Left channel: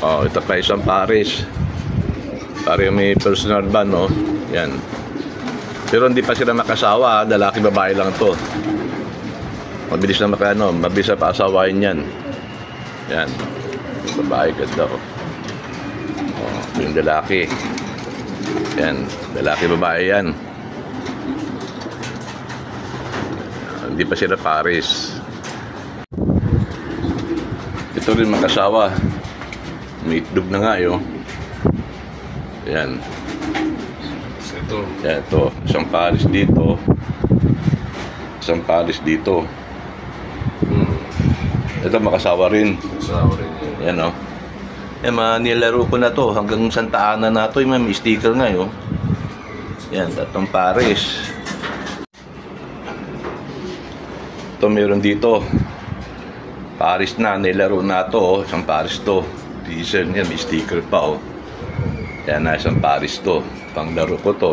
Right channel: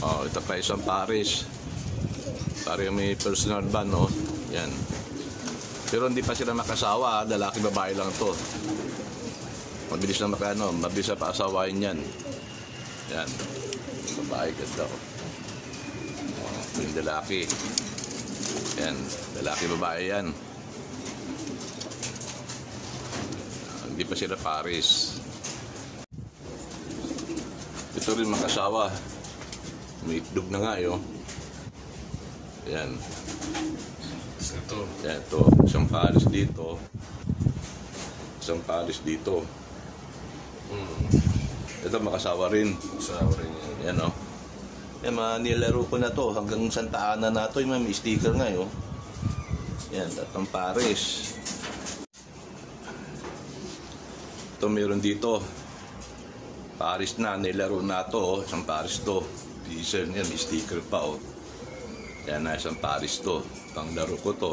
Oh, ito pa isang Paris. Parang may personal van, no? Yan. Pero hindi pa sila makasawa, lalaki babae lang to. Mabilis na mabilis na paasawain yan. Yan. Babae ganda ko. Oh, yung lalaki. Yan, lalaki babae yan. Hindi pa sila Paris. Ito rin makasawa. May itlog na nga yun. Yan. Yan, ito. Isang Paris dito. Isang Paris dito. Ito makasawa rin. Yan, o. Yan, nilaro ko na to. Hanggang Santa Ana na to. May sticker nga yun. Yan, tatlong Paris. Ito meron dito. Paris na. Nilaro na to. Isang Paris to. Diesel yan. May sticker pa, o. Yan na, isang Paris to. Panglaro ko to.